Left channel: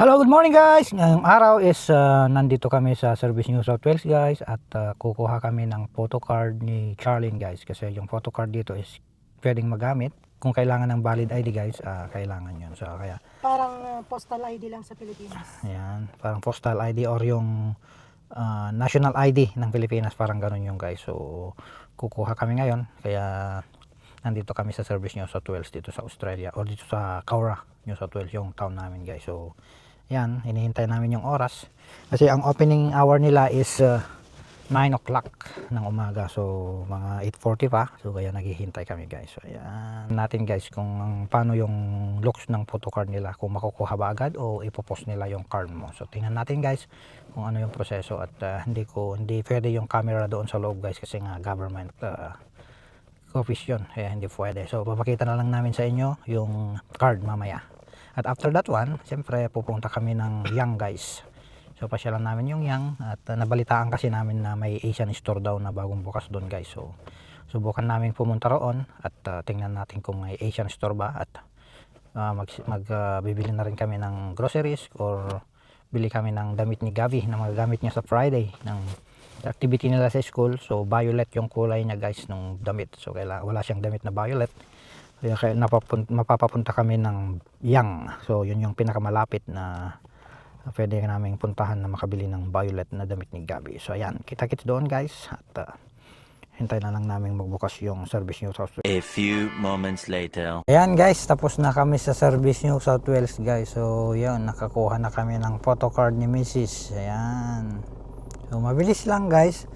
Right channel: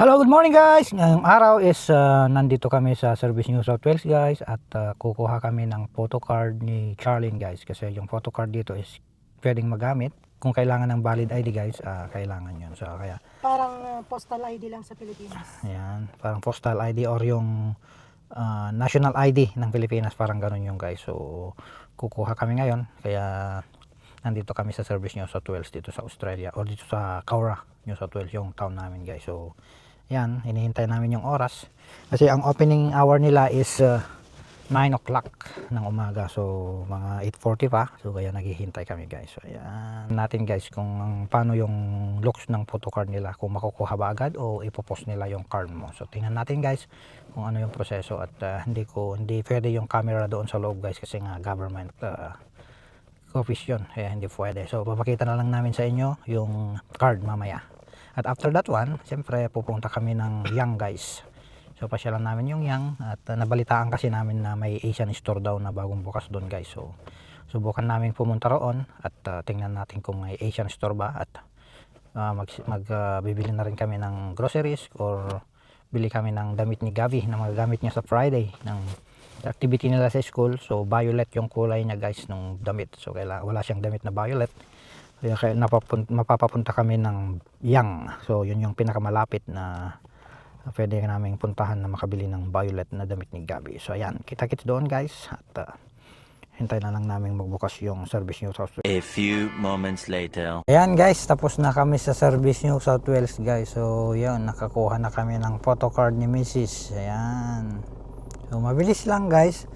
Hello, good morning guys! Ngayong araw is nandito kami sa Service New South Wales guys at kukuha kami ng photocard ni Charlene guys kasi yung photocard dito is pwedeng magamit kung kailangan ng valid ID guys, kailangan yun. So kaya Parang postal ID lang sa Pilipinas. ayan, parang postal ID or yung national ID ng Pilipinas, parang ganun yung guys. So kukuha kami ngayon kaya nandito kami sa Service New South Wales dito sa Australia or dito sa Cowra, New South Wales, yung town namin guys. So yan, hinihintay namin yung oras kasi ang opening hour nila is 9 o'clock ng umaga, so mga 8:40 pa, so kaya naghihintay kami guys. So ayan natin guys kung paano yung looks ng photocard nila, kung makukuha ba agad o ipopost nila yung card mo. So tingnan natin guys kung ano yung proseso at hindi pwede yung camera doon sa loob guys kasi nga government office yun, kaya hindi pwede. So papakita na lang namin sa inyo yung card mamaya. At after that one, siyempre pupunta kami ng Yang guys. So pasyalan namin yung Yang at nabalitaan kasi namin na may Asian store daw na bagong bukas doon guys. So subukan namin pumunta roon at tingnan natin kung may Asian store ba at bibili na rin kami ng groceries or bili kami ng damit ni Gabi na magagamit niya sa Friday ng activity nila sa school. So violet yung kulay niya guys nung damit. So wala siyang damit na violet. Kaya mapapapunta kami ng Yang. So yun yung pinakamalapit na pwede naming puntahan na makabili ng violet na damit ni Gabi. So ayan, kita-kits doon guys at hintay na lang namin magbukas yung Service New South Wales. A few moments later. Ayan guys, tapos na kami sa Service New South Wales guys. So yun, nakakuha na kami ng photocard ni Mrs. Ayan. So mabilis lang guys.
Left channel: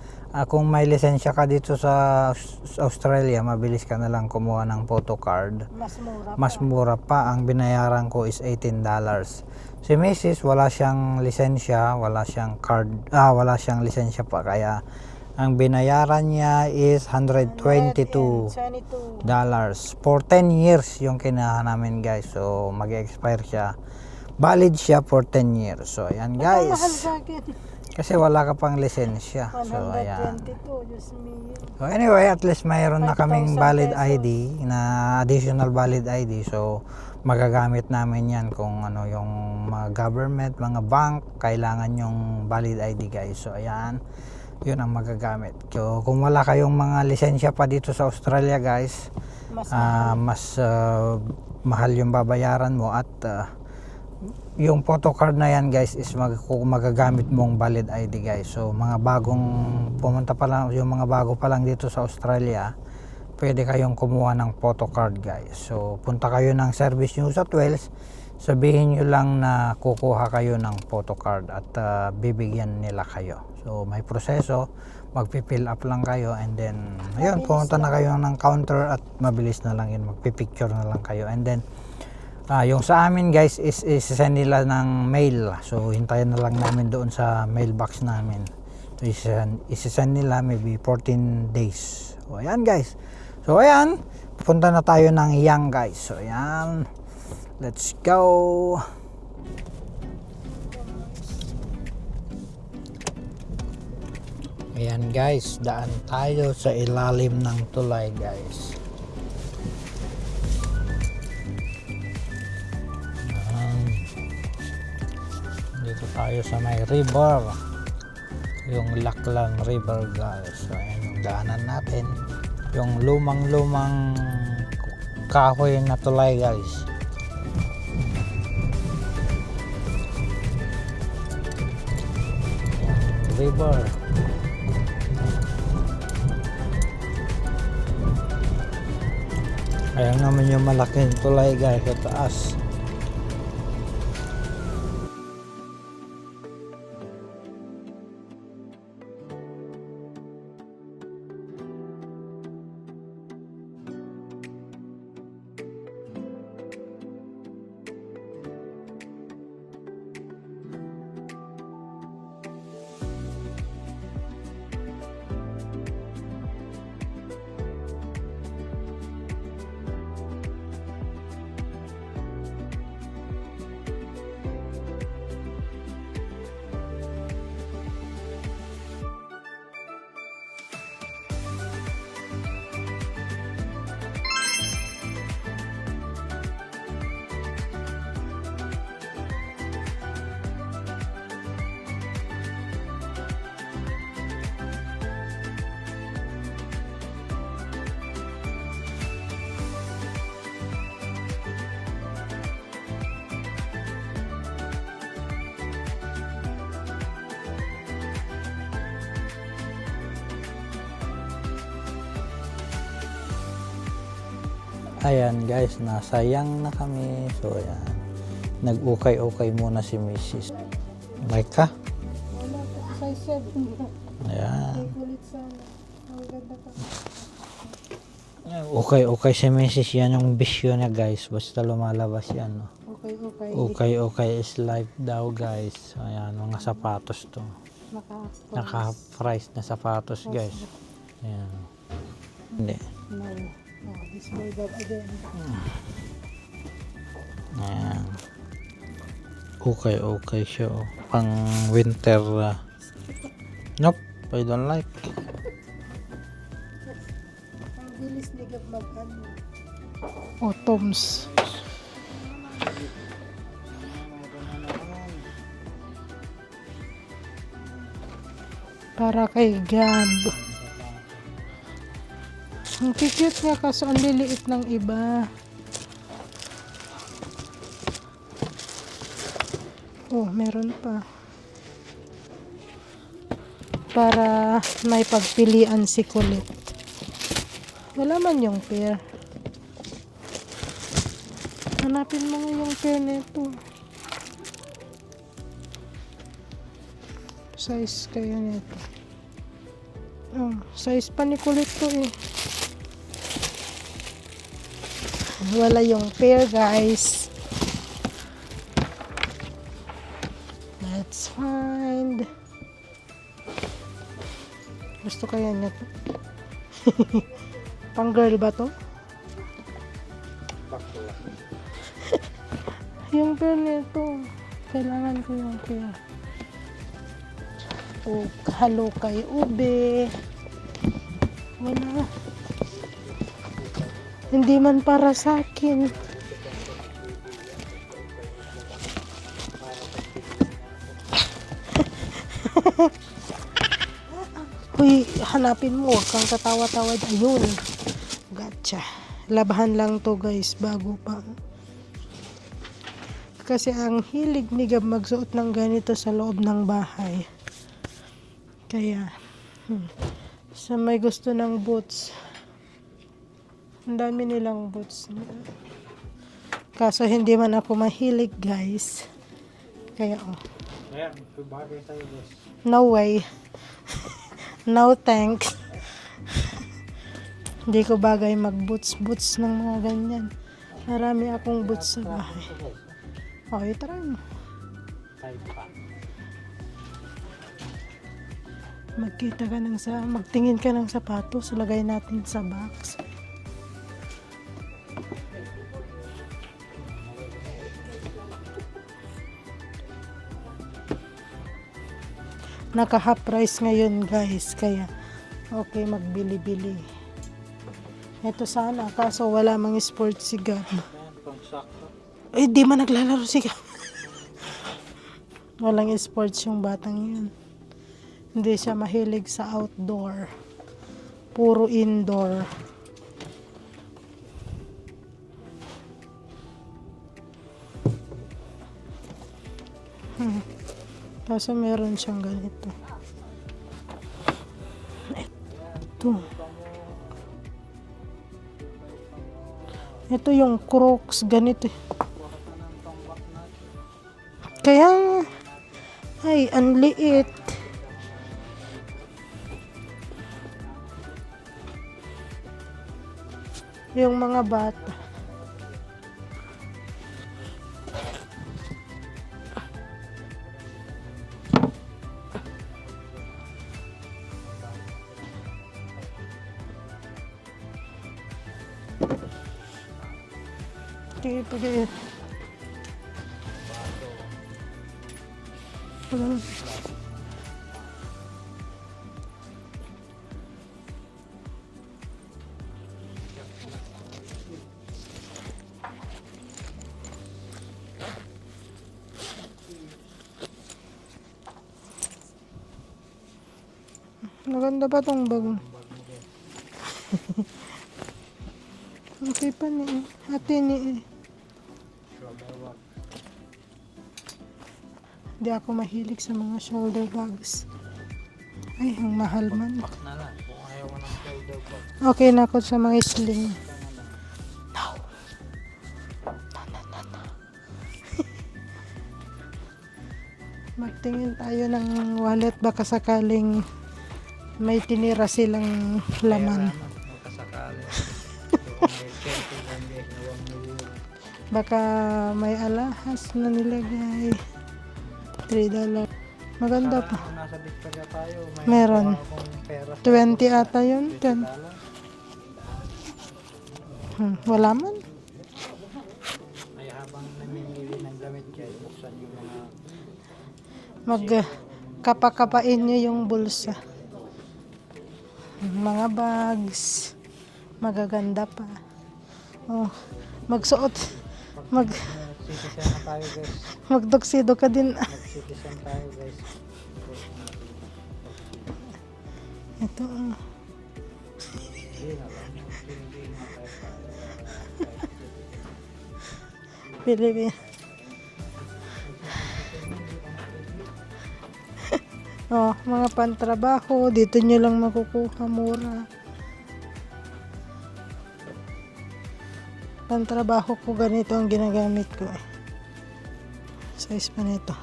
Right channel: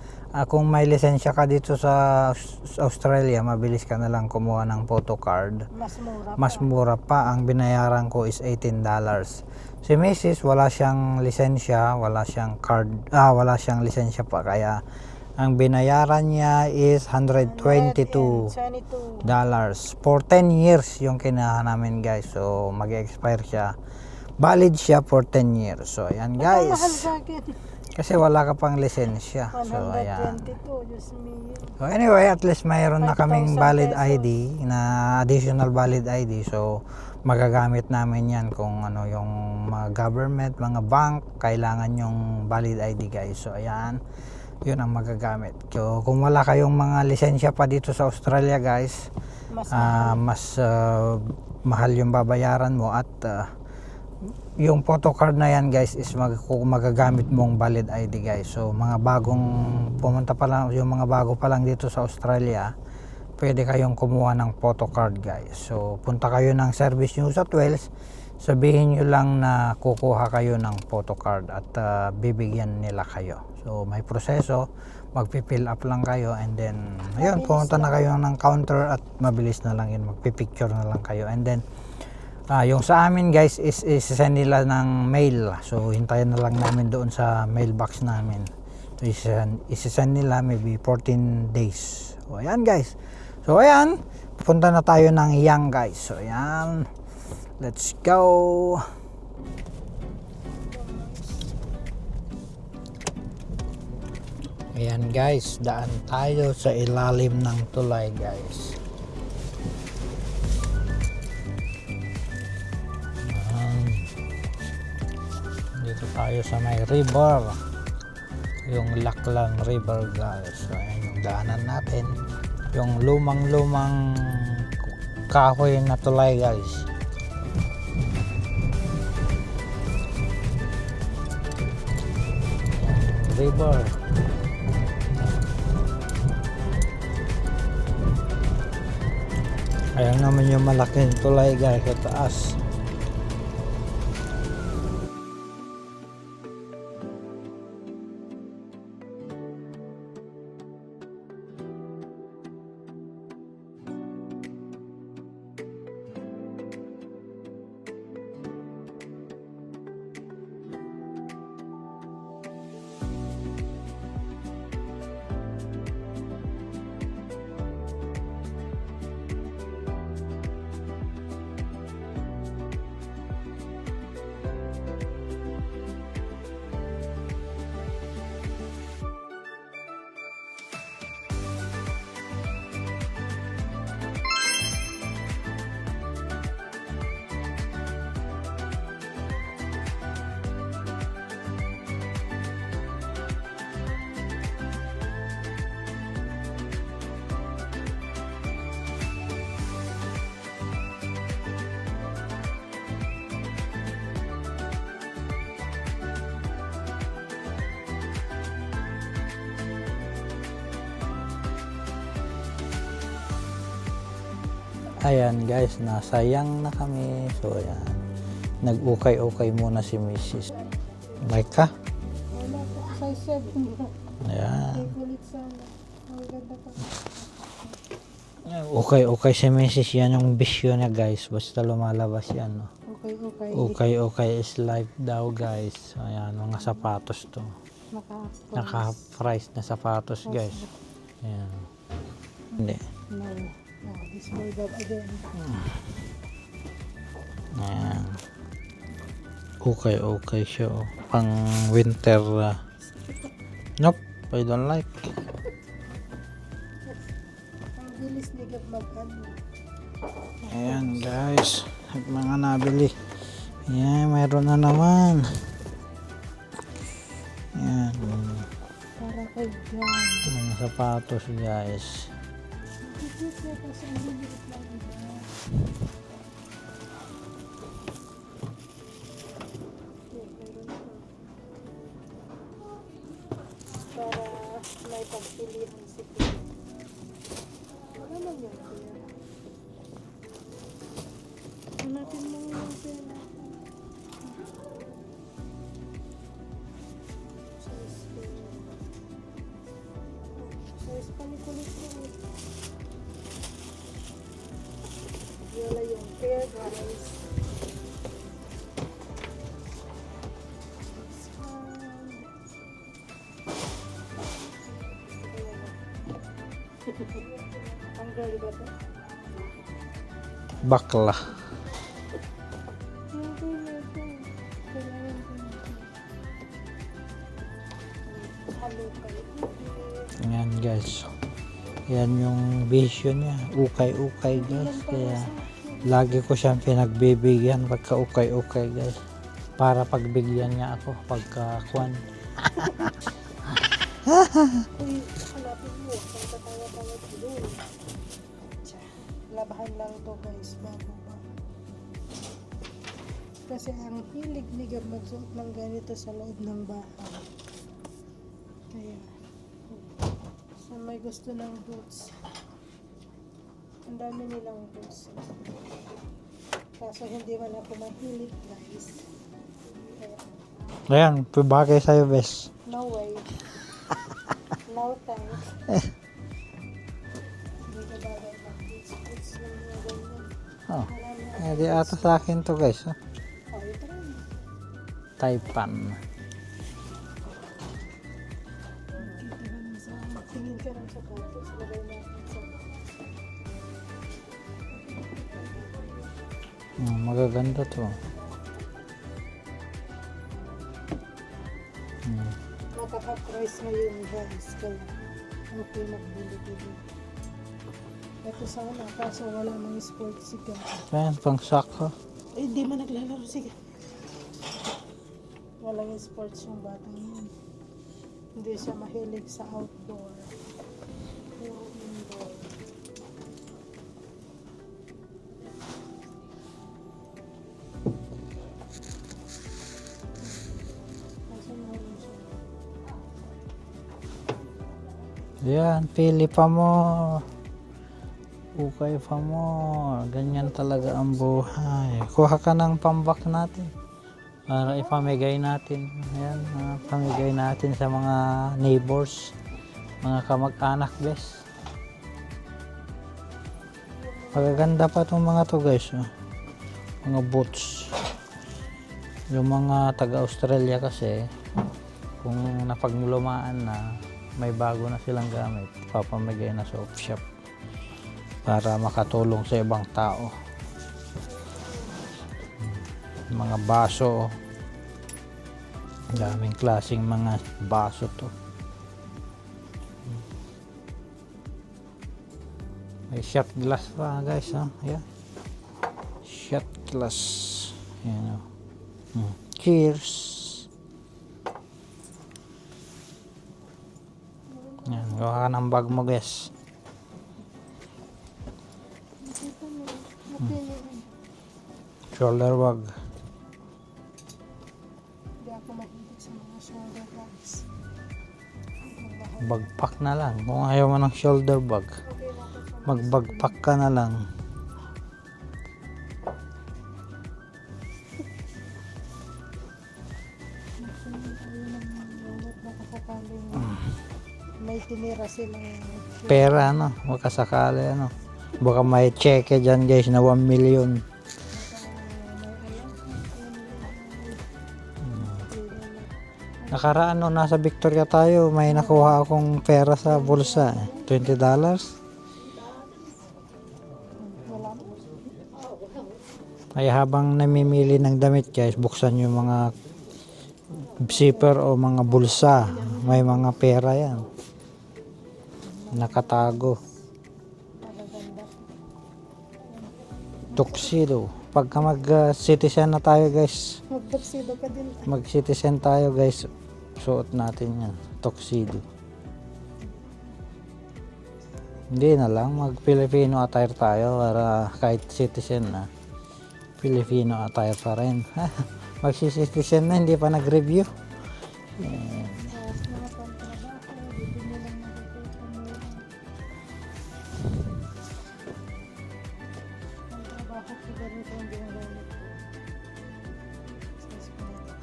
Kung may lisensya ka dito sa Australia, mabilis ka na lang kumuha ng photocard. Mas mura pa. Ang binayaran ko is $18. Si Mrs. wala siyang lisensya, wala siyang card, wala siyang lisensya pa, kaya ang binayaran niya is $122 for 10 years yung kinaha namin guys. So mag-expire siya, valid siya for 10 years. So ayan guys, kasi wala ka pang lisensya. So ayan. So anyway, at least mayroon na kaming valid ID, na additional valid ID. So magagamit namin yan kung ano yung mga government, mga bank, kailangan yung valid ID guys. So ayan, yun ang magagamit. So kung wala kayong mga lisensya pa dito sa Australia guys, mas mahal yung babayaran mo at yung photocard na yan guys is magagamit mong valid ID guys. So mga bagong pumunta pa lang, yung mga bago pa lang dito sa Australia, pwede kayong kumuha ng photocard guys. So punta kayo ng Service New South Wales, sabihin nyo lang na kukuha kayo ng photocard at bibigyan nila kayo. So may proseso, magpipill up lang kayo and then ayun, pumunta na kayo ng counter at mabilis na lang yun, magpipicture na lang kayo and then yung sa amin guys is isesend nila ng mail. So hintayin na lang namin doon sa mailbox namin. So isesend nila maybe 14 days. So ayan guys. So ayan, pupunta na tayo ng Yang guys. So ayan, let's go. Ayan guys, daan tayo sa ilalim ng tulay guys. Dito tayo sa may river, yung Lachlan River guys. So ayan yung daanan natin, yung lumang kahoy na tulay guys. River. Ayan naman yung malaking tulay guys sa taas. Ayan guys, nasayang na kami. So ayan, nag-ukay-ukay muna si Mrs. Like ka? Wala po. Size 7 na. Ayan. Kulit sana. Ang ganda pa. Okay si Mrs. Yan yung bisyo niya guys. Basta lumalabas yan. No? Okay. Okay is life daw guys. So, ayan, mga sapatos to. Naka-price na sapatos guys. Ayan. Hindi. No. Oh, this boy got again. Ayan. Okay siya. Oh. Pang winter. Nope, I don't like. Ang bilis niya mag-ano. Ayan Autumns. guys, mga nabili. Ayan, mayroon na naman. Ayan, Para kay God. mga sapatos guys. Ang cute nga kaso ang liliit ng iba. Oh, meron pa. Para may pagpilian si Kulit. Wala man yung pair. Hanapin mo nga yung pair nito. Size kaya nito. Oh, size pa ni Kulit to eh. Wala yung pair guys. Let's find. Gusto kaya nito. Pang girl ba to? Bakla. Yung pair nito. Kailangan ko yung pair. Oh, halo kay ube. Ayan guys. Wala. Yan yung vision niya. Ukay. Hindi guys. man para Kaya sa akin. lagi ko siyang pinagbibigyan pagka ukay guys. Para pagbigyan niya ako pagka Uy, hanapin mo. Huwag kang tatawa-tawa. Ayun. Gotcha. Labahan lang to guys bago pa. Kasi ang hilig ni Gab magsuot ng ganito sa loob ng bahay. Kaya, sa may gusto ng boots, ang dami nilang boots. Kaso hindi man ako mahilig guys. Kaya ayan, bagay sa'yo bes. no way. No thanks. Hindi ko bagay mag-boots ng mga ganyan. Oh. Marami akong Hindi boots ata sa na. akin to guys. Okay, try mo. Taipan. Magtingin ka ng sapatos, lagay natin sa box. Magaganda to. Naka half price ngayon guys, kaya okay magbili-bili. Ito sana, kaso wala mang sports si Gab. Ayan, pang soccer. Eh, di man naglalaro si Gab. Walang sports yung batang yun. Hindi siya mahilig sa outdoor. Puro indoor. Kaso meron siyang ganito. Yan, pili pa mo. Ukay pa mo. Ito Ganyan yung talaga ang Crocs, buhay. ganito. Kuha ka ng pambak natin. Kaya- pamigay natin. Ayan, Ay, ang liit. Pamigay natin sa mga neighbors. Mga kamag-anak guys. Yung mga bata. Maganda pa itong mga to guys. Mga boots. Yung mga taga-Australia kasi, kung napaglumaan na, may bago na silang gamit, papamigay na sa shop para makatulong sa ibang tao. Sige. Mga baso. Daming klaseng mga baso to. May shot glass pa guys. Ayan. Shot glass. Ayan. Cheers. Maganda ba tong Gawa ka bag? ng bag mo guys. Okay pa ni ate ni Shoulder bag. Hindi ako mahilig sa mga shoulder bags. Ay, ang mahal man. Bagpack na lang. Kung ayaw mo ng shoulder bag, Okay na ako sa mga sling. magbagpack ka na lang. No. Magtingin tayo ng wallet, baka sakaling may tinira silang Pera, laman. ano? Makasakali, ano? Baka may cheque dyan, guys, na 1 million. Baka may alahas na nilagay. $3. Maganda. Nakaraan, no, nasa Victoria tayo, may Meron. nakuha akong pera sa 20 bulsa. ata yun. $20. Wala man. Ay habang namimili ng damit, guys, buksan yung mga zipper o mga bulsa. kapa-kapain niyo yung May mga bulsa. pera yan. Mga Nakatago. bags. Magaganda pa. Oh, magsuot. Tuxedo. Pagka mag-citizen na tayo, guys, Magtuxedo ka din. mag-citizen tayo, guys, suot natin yan. Tuxedo. Ito. Hindi na lang, mag-Filipino attire tayo para kahit citizen na. Filipino attire pa rin. Mag-citizen na, hindi pa nag-review. Oh, mga pantrabaho. Dito nyo lang makukuha mura. Pantrabaho ko ganito ang ginagamit ko eh. Size pa nito.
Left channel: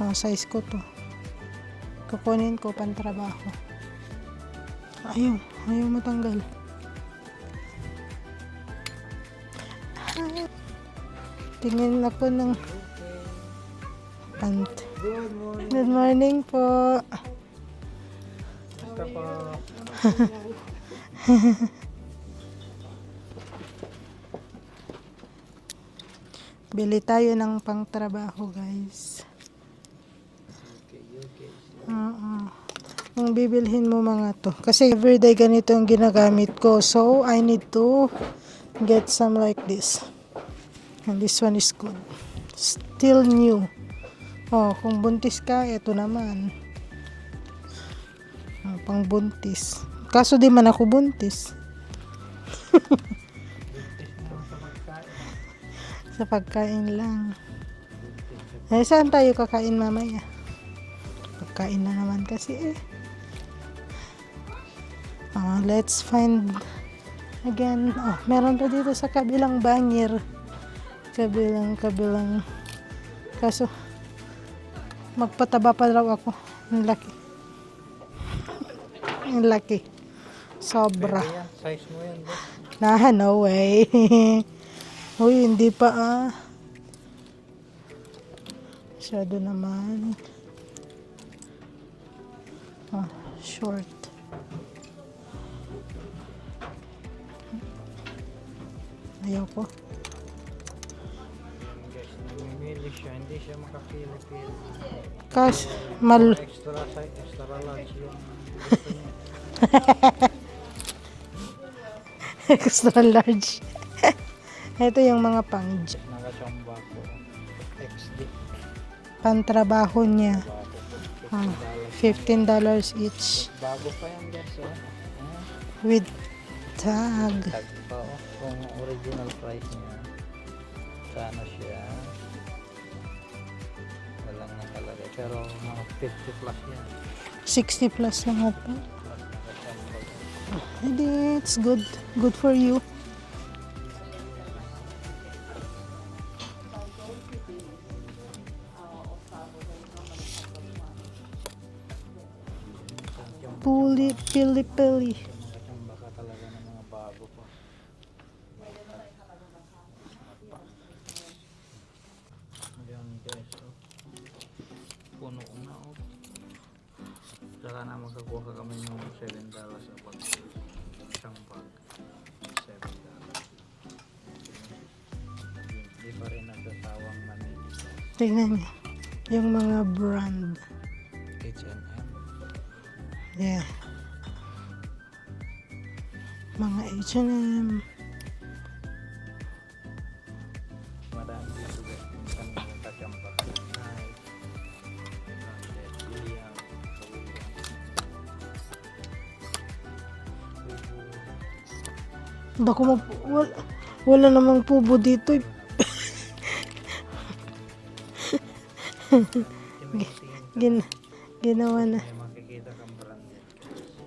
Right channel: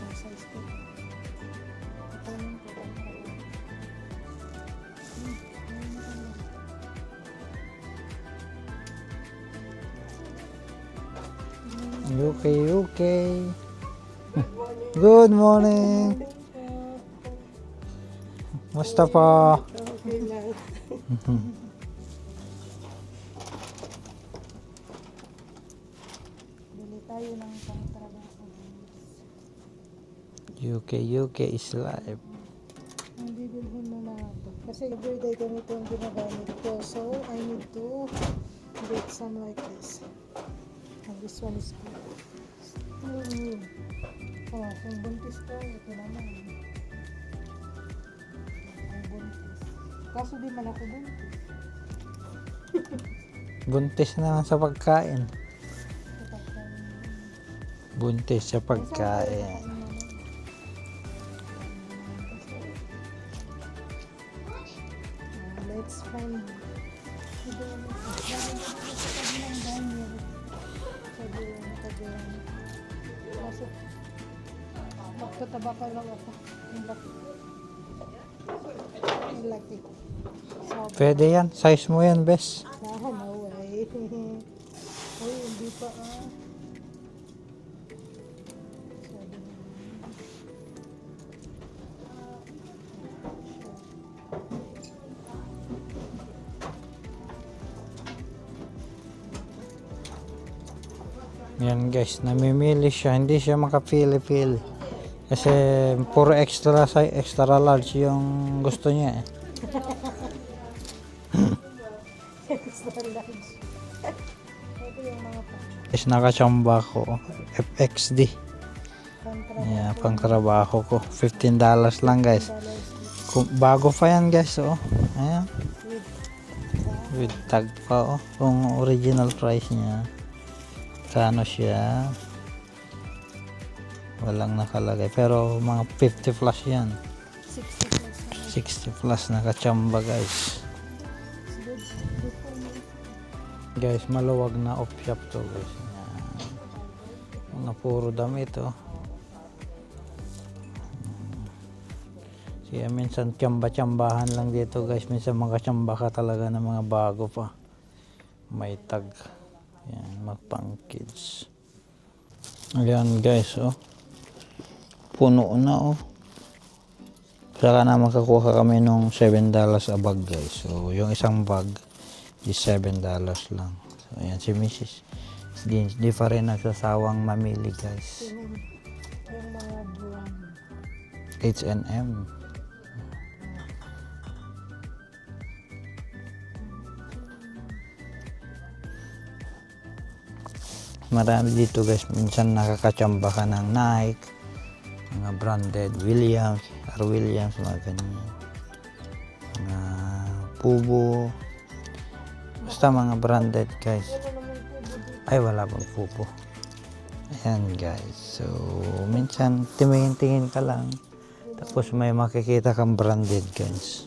Oh, size ko to. Kukunin ko pantrabaho. Ayaw matanggal. Tingin ako ng Okay. pant. Good morning. Good morning po. Musta po? Bili tayo ng pangtrabaho, guys. UK is live. Ang bibilhin mo mga to. Kasi everyday ganito ang ginagamit ko. So, I need to get some like this. And this one is good. Still new. Oh, kung buntis ka, ito naman. Oh, pang buntis. Kaso di man ako buntis. Buntis na lang sa pagkain. Sa pagkain lang. Buntis sa Eh, saan tayo pagkain. kakain mamaya? Pagkain na naman kasi eh. Let's find again. Oh, meron pa dito sa kabilang banyer. Kabilang. Kaso, magpataba pa daw ako. Ang laki. Ang laki. Sobra. Pwede yan. Size mo yan, bes. No way. Uy, hindi pa ah. Masyado naman. Ah, short. Ayoko. Yan, guys. Namimili siya. Hindi siya makapili-pili. Kasi mal- puro extra large yung gusto niya eh. Extra large. Ito yung mga pang Is nakachamba ko. FXD. pantrabaho niya. Pangtrabaho ko. $15 lang, guys. $15 each. Bago pa yan, guys. Oh. Ayan. With tag. With tag pa. Oh. Kung original price niya. Kano siya. Walang nakalagay. Pero mga 50 plus yan. 60 plus na 60 plus nakachamba, guys. Hindi, it's good. Good for you. Guys, maluwag na off shop to, guys. Na puro damit, oh. Kaya minsan tiyamba-tiyambahan lang dito, guys. Minsan makachamba ka talaga ng mga bago pa. May tag. Yan, mga pang kids. Ayan, guys, oh. Puno na, oh. Saka na makakuha kami nung $7 a bag, guys. So, yung isang bag is $7 lang. So, ayan si Mrs. Di pa rin nagsasawang mamili, guys. Tingnan niyo. Yung mga brand. H&M. Yeah. Mga H&M. Marami dito, guys. Minsan nakakachamba ka ng Nike, mga branded, Williams, Williams, mga ganyan. Mga Pubo. Basta mga branded, guys. Wala namang pubo dito. Ay, wala pa pupo. Ayan, guys. So, minsan tingin-tingin ka lang. Ginawa Tapos na. may makikita kang branded, guys.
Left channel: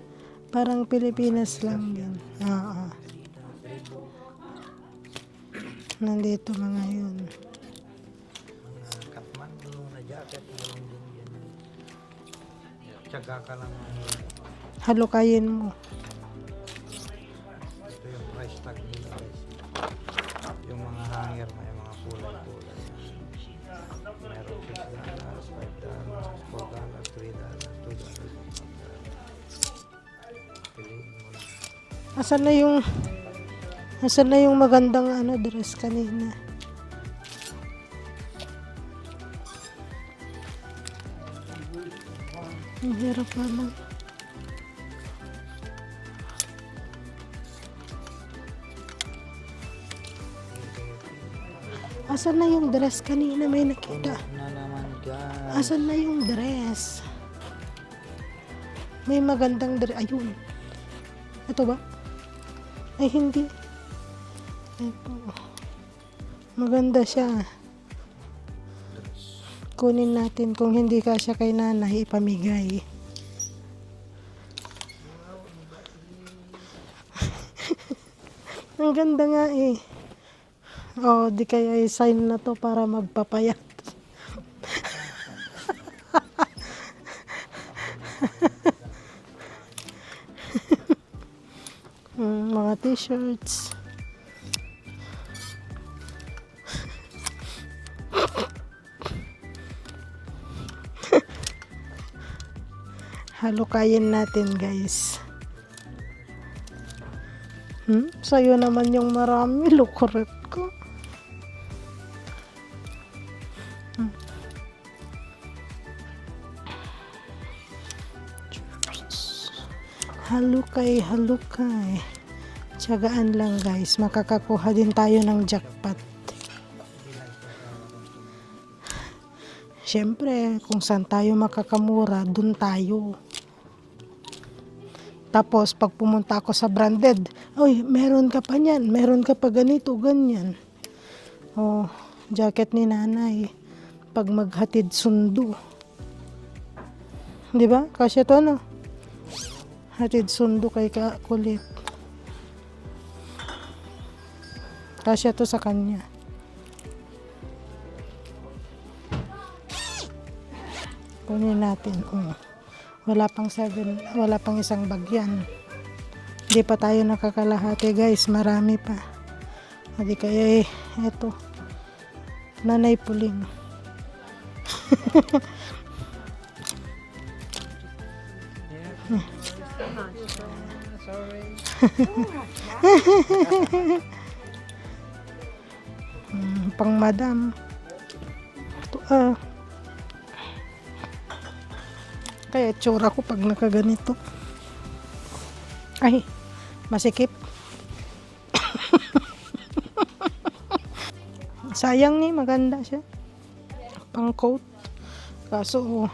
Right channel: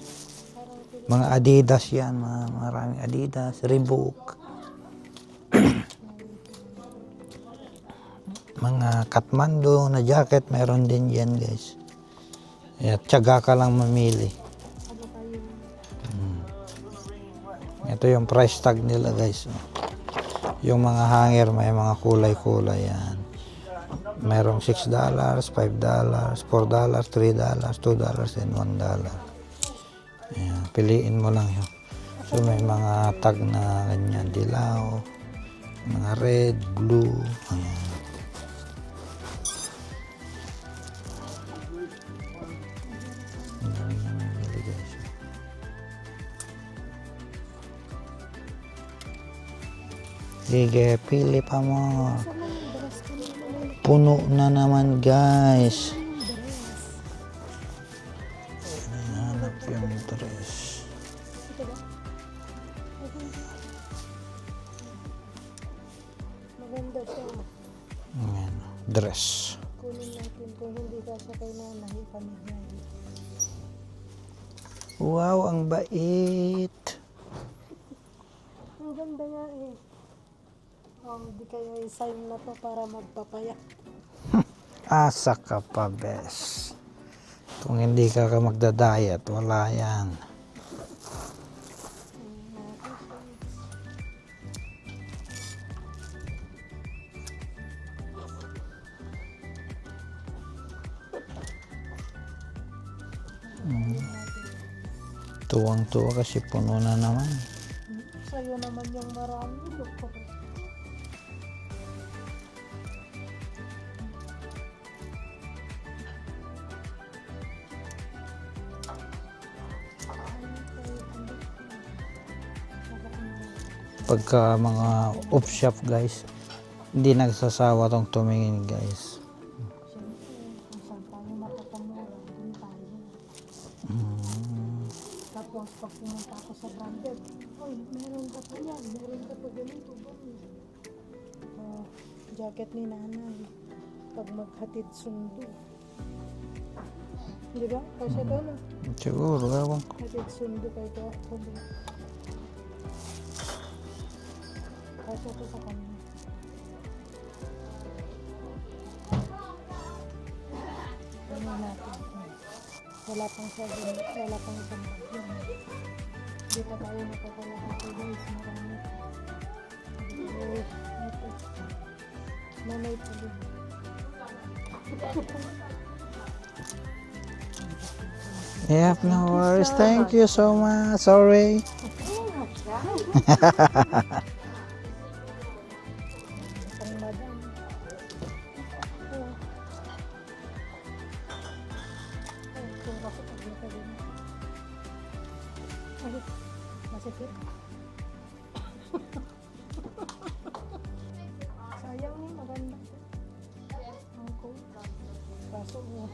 Parang Pilipinas Mga Adidas lang. yan. Maraming Adidas, Reebok. Nandito mga yun. mga Kathmandu na jacket, meron din yan guys. Kaya tiyaga ka lang mamili. Halukayin mo. Ito yung price tag nila guys. Yung mga hanger may mga kulay-kulay yan. Merong $6, $5, $4, $3, $2, and $1. Ayan, piliin mo lang. Asan So, na may yung mga tag na ganyan, asan na yung dilaw, magandang dress mga kanina? red, blue. Ayan. Ang hirap pala. Sige, pili pa mo. Asan na yung dress kanina? May nakita. Puno na naman Asan guys. na yung dress? May magandang dress. Ayun. Ito ba? Ay, hindi. Ito. Maganda siya. Ayan, dress. Kunin natin. Kung hindi kasya kay nanay, ipamigay. Wow, ang bait. Ang ganda nga eh. Oh, di kaya i-sign na to para magpapayat. Asa ka pa, bes. Kung hindi ka magda-diet, wala yan. Mga t-shirts. Halukayin natin, guys. Tuwang-tuwa kasi puno na naman. Sa'yo naman yung marami. Lukurit ko. Halukay. Tiyagaan lang, guys. Makakakuha din tayo ng off shop, jackpot. guys. Hindi nagsasawa tong tumingin, guys. Siyempre, kung saan tayo makakamura, dun tayo. Tapos, pag pumunta ako sa branded, oy, meron ka pa niyan, meron ka pa ganito, ganyan. Oh, jacket ni nanay. Pag maghatid sundo. Di ba? Kasi to, no? Siguro, ewan ko. Hatid sundo kay Kulit. Kasi to sa kanya. Kunin natin. Wala pang isang bagyan. Hindi pa tayo nakakalahati, guys. Marami pa. Hindi kaya eto. Nanay Puling. Yeah, no worries. Thank you so much. Sorry. Pang madam. Kaya tsura ko pag nakaganito. Ay, masikip. Sayang ni, maganda siya. Pang coat. Kaso,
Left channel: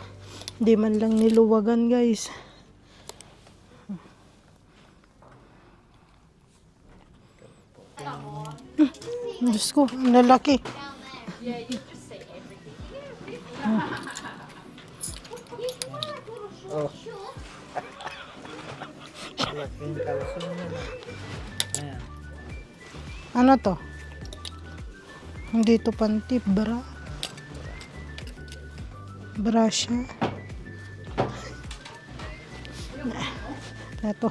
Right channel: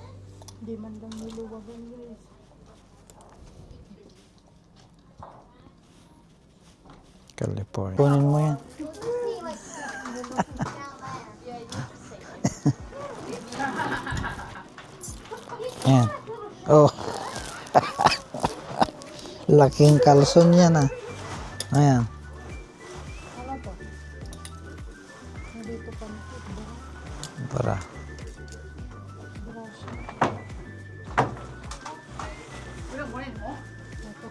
di man lang niluwagan, guys. California. Kunin mo yan. Diyos ko, ang lalaki. Ayan. Oh. Laking kalson yan ah. Ayan. Ano to? Hindi to pantip, bra. Para. Bra siya. Ito.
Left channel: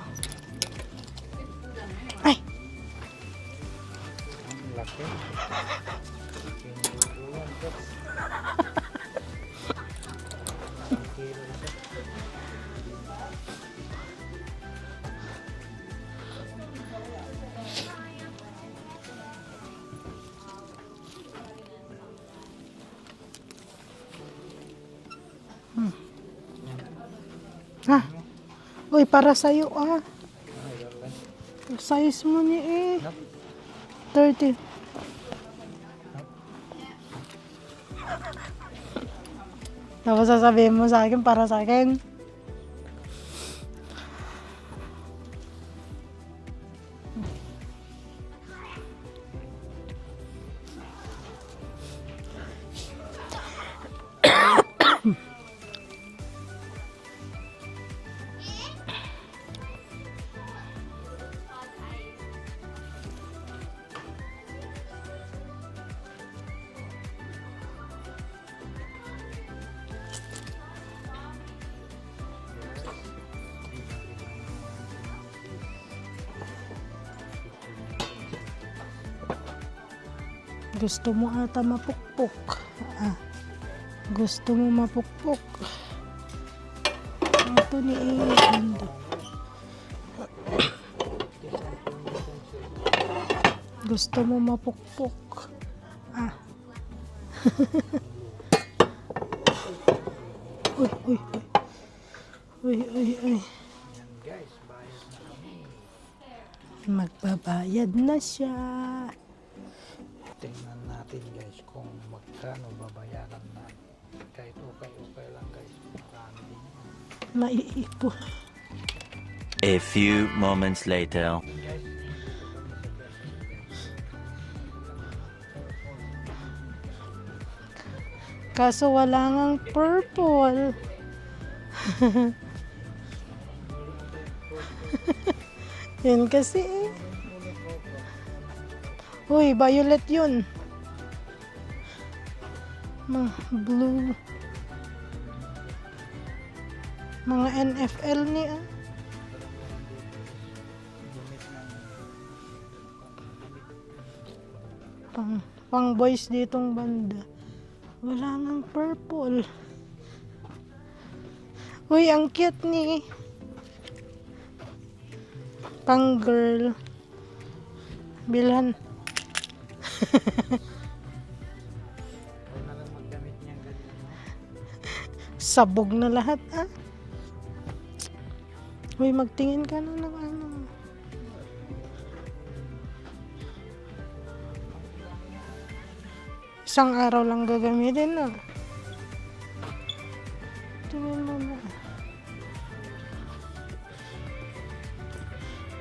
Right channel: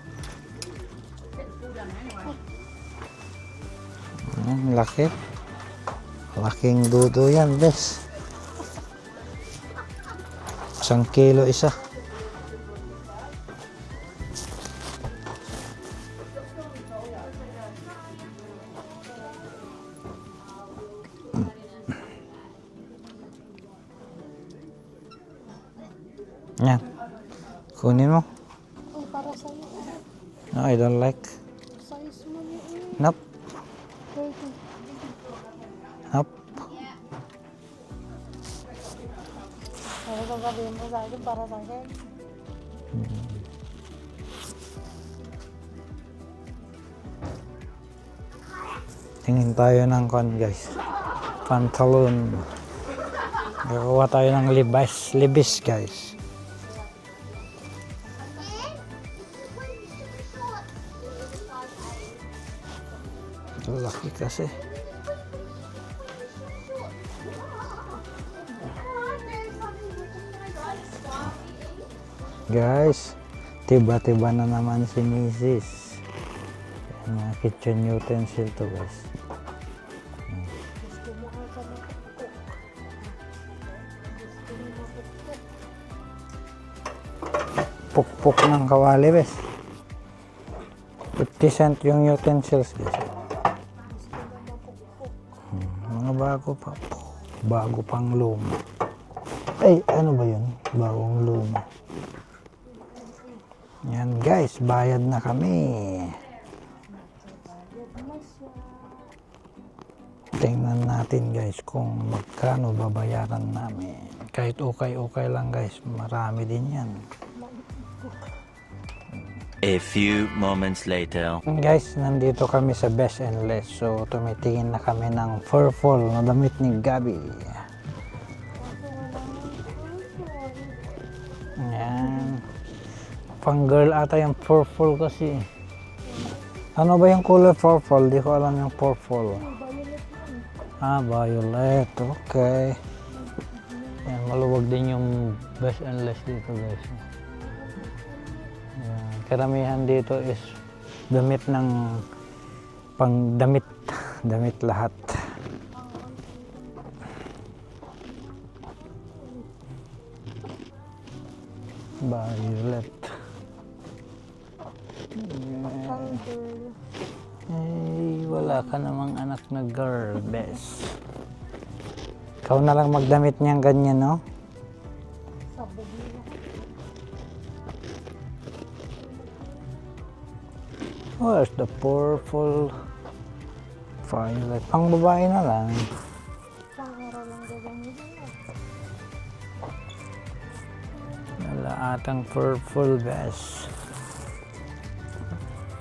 Ay! Laki. Laking dudo yan, bes. 1 kilo isa. Yan. Kunin mo. Uy, para sa'yo ah. No, I don't like. Size mo niya eh. Nope. 30. Nope. Ano sasabihin mo sa akin para sa akin? Tingin tayo ng guys. Pantalon. Gagawa tayo ng libis guys. Laki kasi. Guys, tiba-tiba na naman si Mrs. Mga kitchen utensil to guys. Gusto mo ata mapukpok. Gusto mo mapukpok. Ito ni Pukpok ng kawali bes. 50 cent yung utensils. Gusto mo mapukpok. Mga bago pa. Bago pang luma. Ay, ano ba yun? Bagong luma. Uy. Yan guys, bayad na kami. Magbabayad na siya. Tingnan natin guys kung magkano babayaran namin. Kahit okay lang guys, marami din yan. Maiipo. A few moments later. Guys, nandito kami sa Best and Less. So, tumitingin na kami ng purple na damit ni Gabi. Kaso wala ngang purple. Yan. Pang girl ata yung purple kasi. Yun kasi. Ano ba yung color purple? Di ko alam yung purple. Uy, violet yun. Violet. Okay. Blue. Yan, maluwag din yung Best and Less dito guys. Mga NFL niya. Yan. Karamihan dito is damit ng pang damit. Damit lahat. Pang boys ditong banda. Wala nang purple. Uy, ang cute ni. Pang girl. Ay, wala Bilhan. ka namang anak na girl, bes. Ikaw na lang magdamit niyang ganyan, no? Sabog na lahat, Uy, magtingin ka na ng ano. Where's the purple? Violet. Pang babae na lang. Isang araw lang gagamitin, Tingnan mo. Wala atang purple, bes.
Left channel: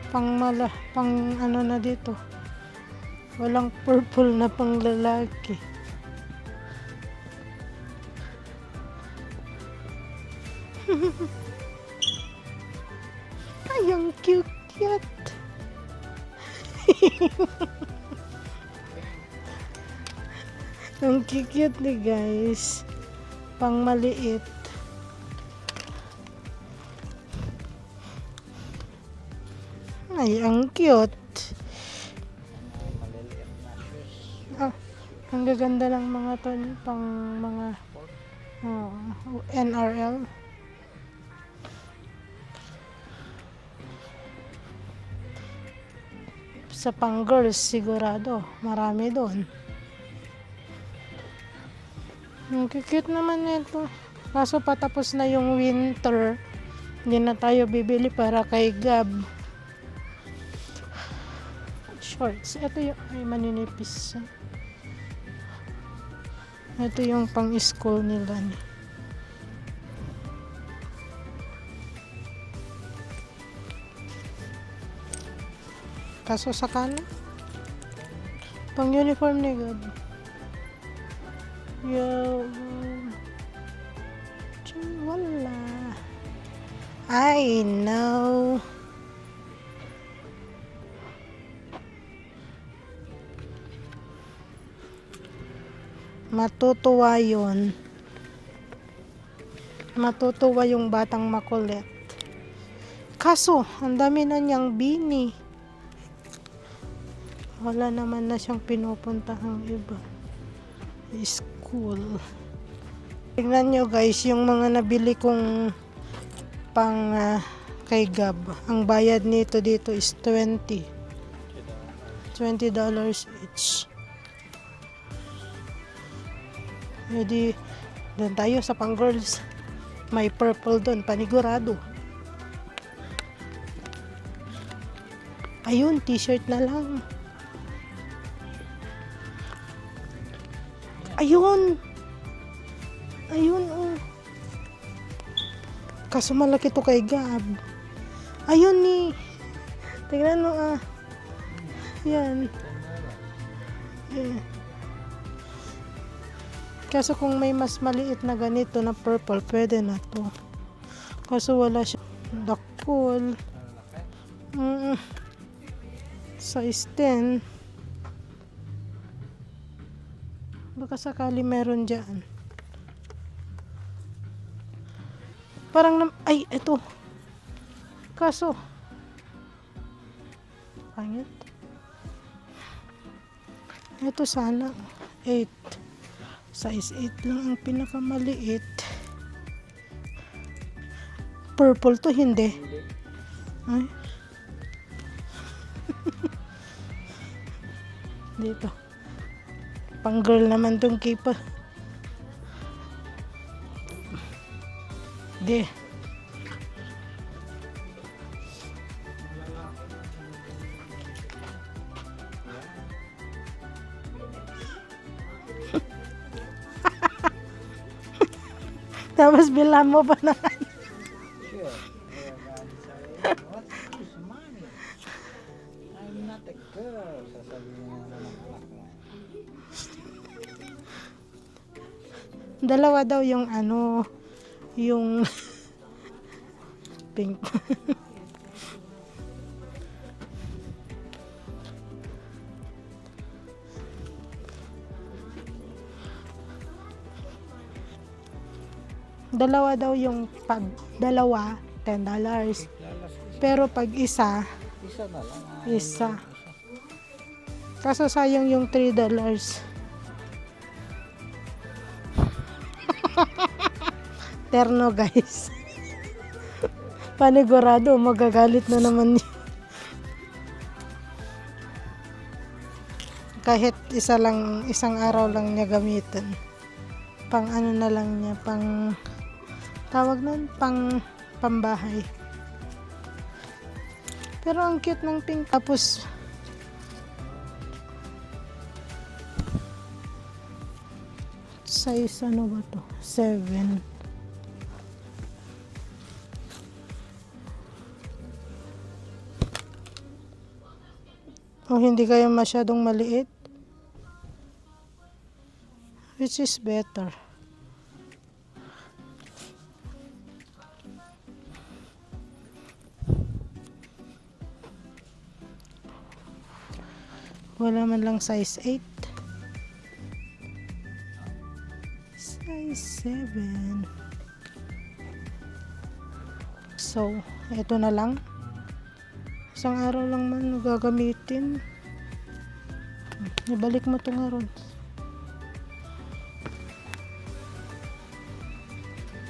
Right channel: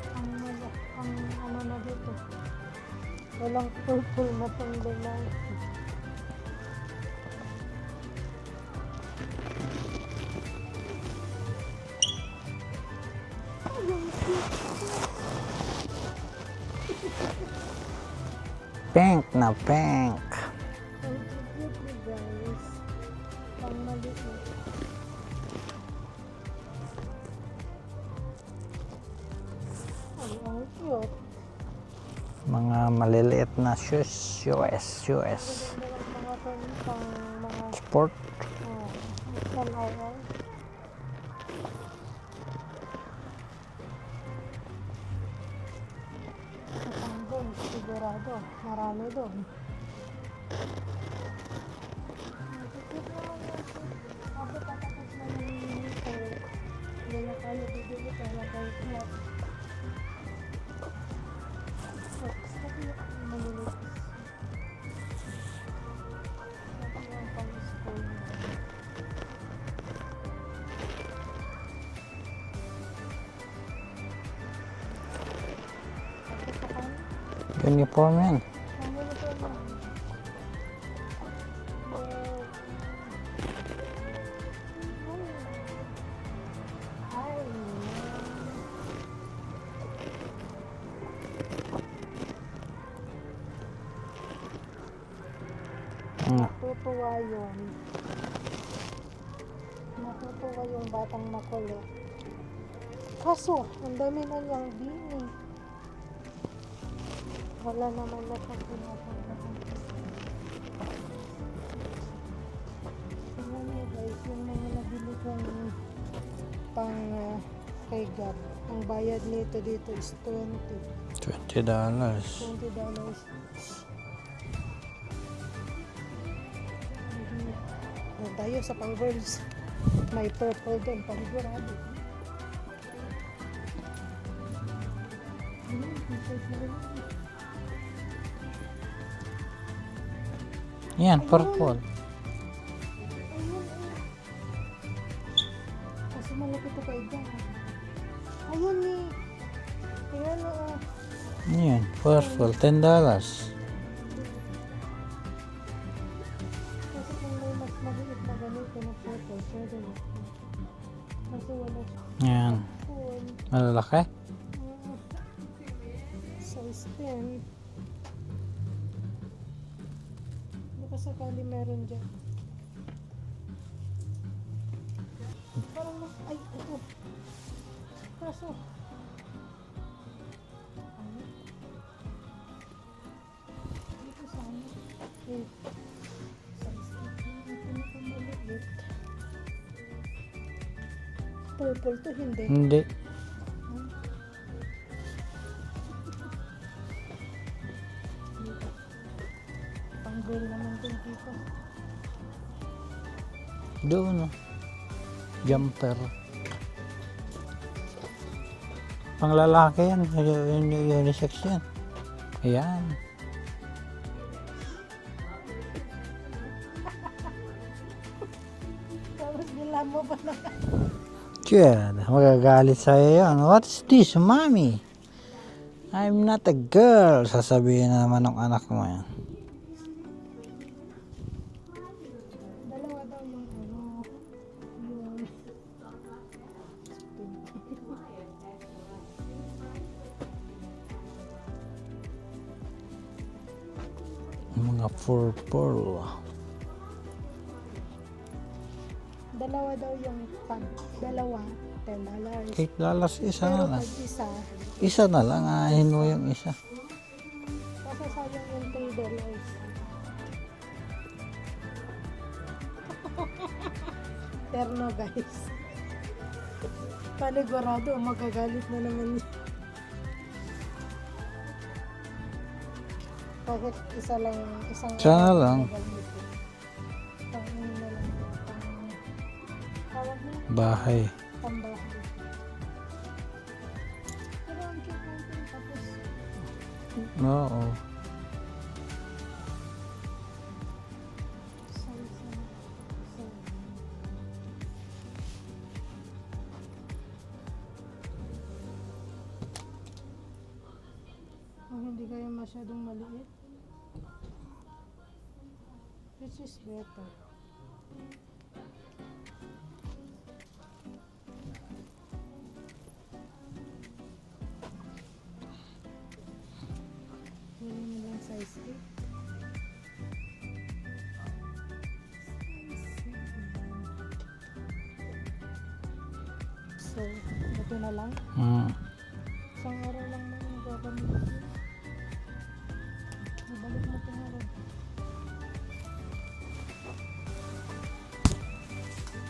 Pang ano na dito. Walang purple na pang lalaki. Ay, ang cute. Pink na pink. Ang cute ni guys. Pang maliit. Ay, ang cute. Mga maliliit na shoes. Ang gaganda lang mga to, pang mga Sport. NRL. Sa pang girls sigurado, marami doon. Ang cute naman nito. Kaso patapos na yung winter, hindi na tayo bibili para kay Gab. Shorts. Ito yung ay, maninipis. Ito yung pang school nila. Kaso sa kanan, Uniform yan. pang uniform ni Gab. Wala. I know. Matutuwa yun. Matutuwa yung batang makulit. Kaso, ang dami na niyang bini. Wala naman na siyang pinupuntahang iba. School. Tingnan nyo guys, yung mga nabili kong pang kay Gab. Ang bayad nito dito is $20. $20 each. Hindi, doon tayo sa pang girls. May purple doon, panigurado. Ayun, t-shirt na lang. Yan, Ayun. purple. Ayun, Kaso malaki to kay Gab. Ayun ni. Tingnan mo, Yan, purple. $10. Eh. Kaso kung may mas maliit na ganito na purple, pwede na to. Kaso wala siya. Yan. Full. Malalaki? Size 10. Baka sakali meron dyan. Parang, ay, ito. Kaso, pangit. Ito sana, 8. Size 8 lang ang pinakamaliit. Purple to, hindi. Hindi. Ay. Dito. Pang girl naman tong kipa. Doon. Yeah. Jumper. Pang lalaki yan. Unisex yan. Ayan. Tapos bilang mo pa na. Chad, magagalit sa'yo yan. What's this, mommy? I'm not a girl. Sasabihin na naman ng anak mo yan. Dalawa daw yung ano, yung pink. Mga purple. Dalawa daw yung pag dalawa, $10. $8 isa Pero na. pag isa, Isa na lang. Ahin mo Isa. yung isa. kaso sayang yung $3. Terno guys. Panigurado, magagalit na naman niya. Kahit isa lang, isang Sana araw lang lang. niya gamitin. Pang ano na lang niya, pang tawag nun? Bahay. Pambahay. Pero ang cute ng pink. Tapos, Oo. size ano ba to? 7. O hindi kayo masyadong maliit? Which is better? Wala man lang size 8. Size 7. So, eto na lang. Isang araw lang man gagamitin. Ibalik mo itong araw.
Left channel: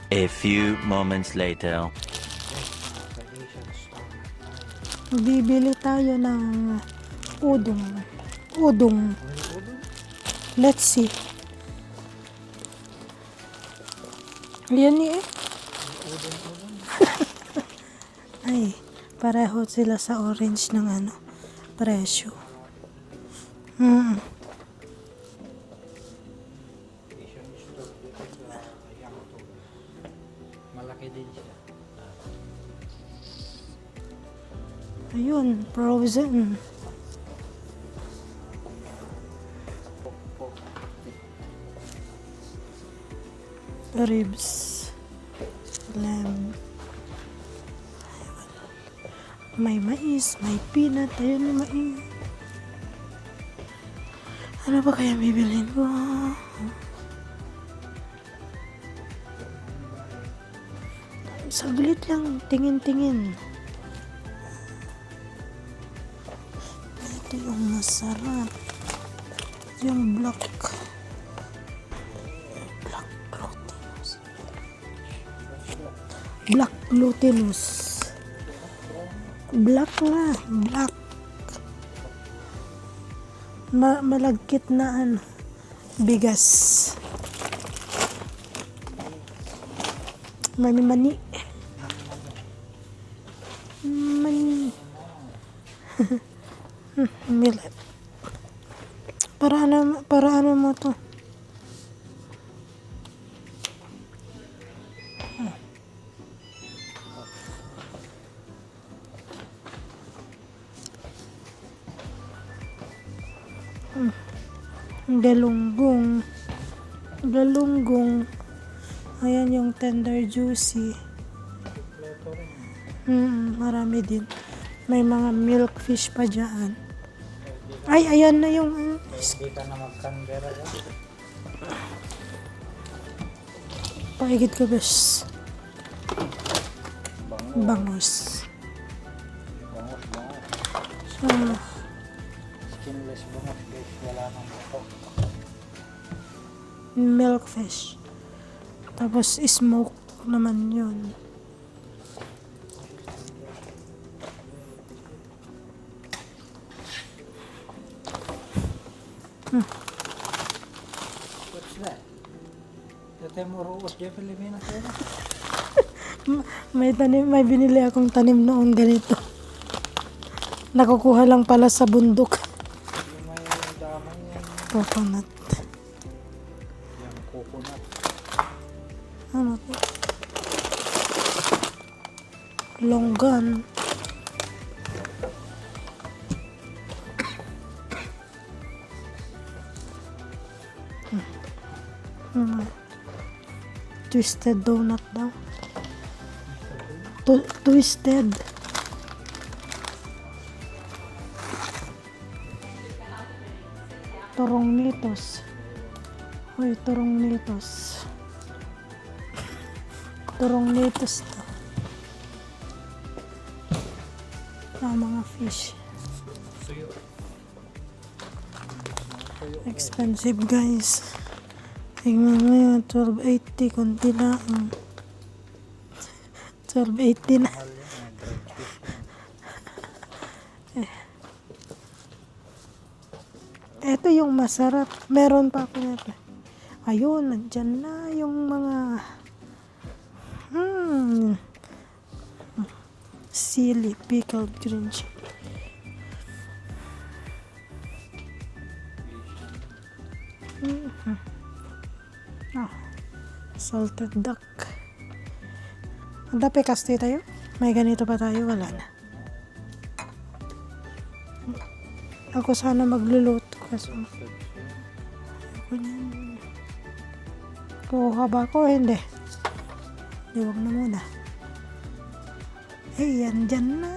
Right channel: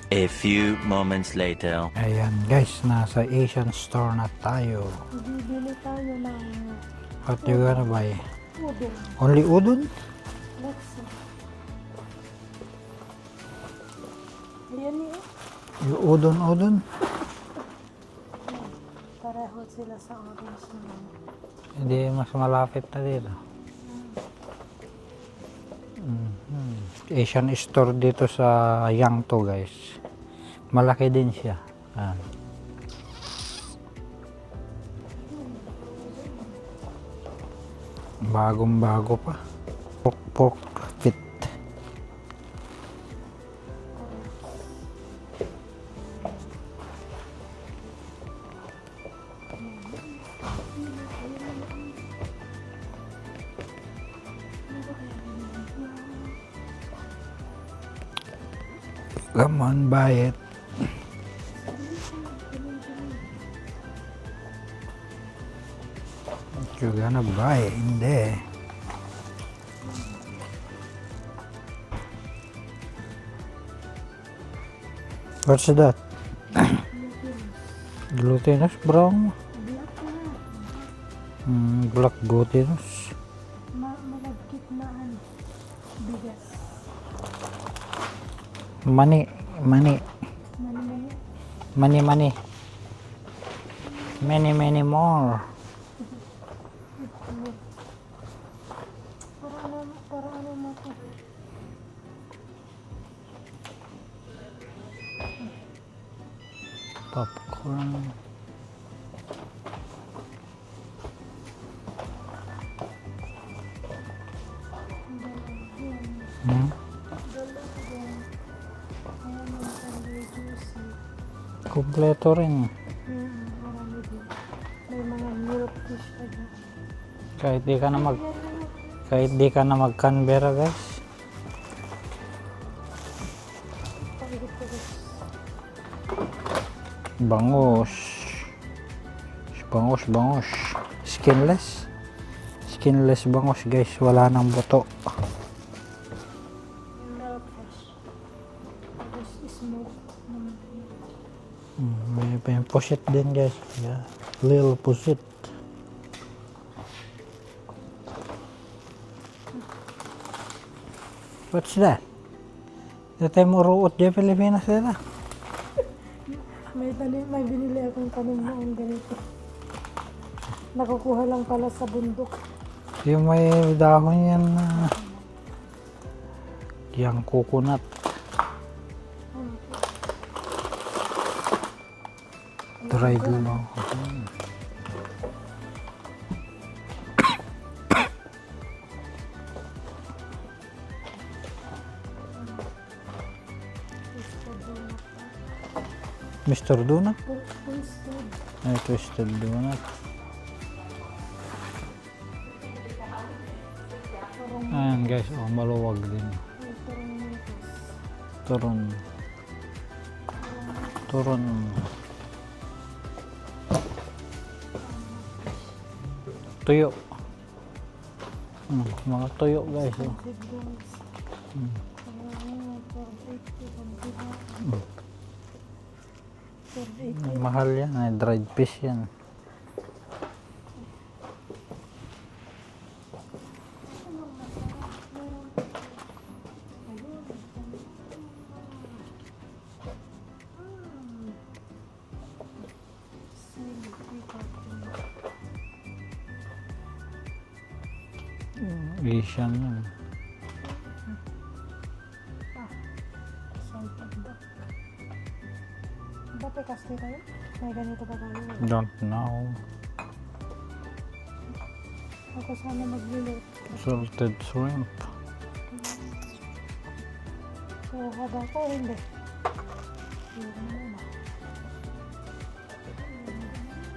A few moments later. Ayan guys, nasa Asian store na tayo. Bibili tayo ng What you gonna buy? udong. Only udon? Let's see. Ayan eh. Udon. Ay, pareho sila sa orange ng ano. Hindi, Presyo. mas malapit na dito. Asian store dito sa Yangto guys. Malaki din siya. Ayan. Ayun, frozen. Bagong bago pa. Pork fit. Ribs. Lamb. May mais, may peanut. Ayun na mais. Ano ba kaya bibilhin ko? Come on, buy it. Saglit lang, tingin-tingin. You're gonna buy it. Hindi. Yung black. Black glutinous. What's that? Glutinous. Glutinous brown? Black na. Black. Black glutinous. Malagkit na ano. Bigas. Mani. Mani-mani. Mani. Many more. Millet. Para ano mo to? Popcorn. Galunggong. Hmm? Galunggong. Ayan yung tender juicy. Kompleto rin. Marami din. May mga milkfish pa dyan. Kahit di ka na Ay, ayan na yung kahit di ka na mag-Canberra guys. paigid ko, bes. Bangus. Bangus. Skinless bangus guys, wala nang buto. Milkfish. Tapos smoke naman yun. May pa yung pusit din guys. Yeah. Little pusit. What's that? Dati mo ruot dyan Pilipinas nila. May binili akong tanim noon ganito. Nakukuha lang pala sa bundok. Yung may dahon yan. Coconut. Yung coconut. Ano to? Dried Longga, ano? lang. Twisted donut daw. Mr. Donut? Twisted. Ay, twisted donut. Turong Ayan guys, litos. maluwag din. Ay, turong litos. Turon. Turong litos. Turon. Mga fish. Tuyo. Mga tuyo guys. Expensive guys. Tingnan mo yun, 12.80 kunti na. 12.80 na. Mahal yan. Ay, dried fish yan. Ito yung masarap. Meron pa ako nito. Ayun, nandyan na yung mga sili, pickled green chili. Asian yan. Salted duck. Dapat kaste tayo? May ganito pa tayo? Wala. Don't know. Ako sana magluluto kasi. Salted shrimp. Kuha ba ako? Hindi. Iwag na muna. Eh, yan dyan na.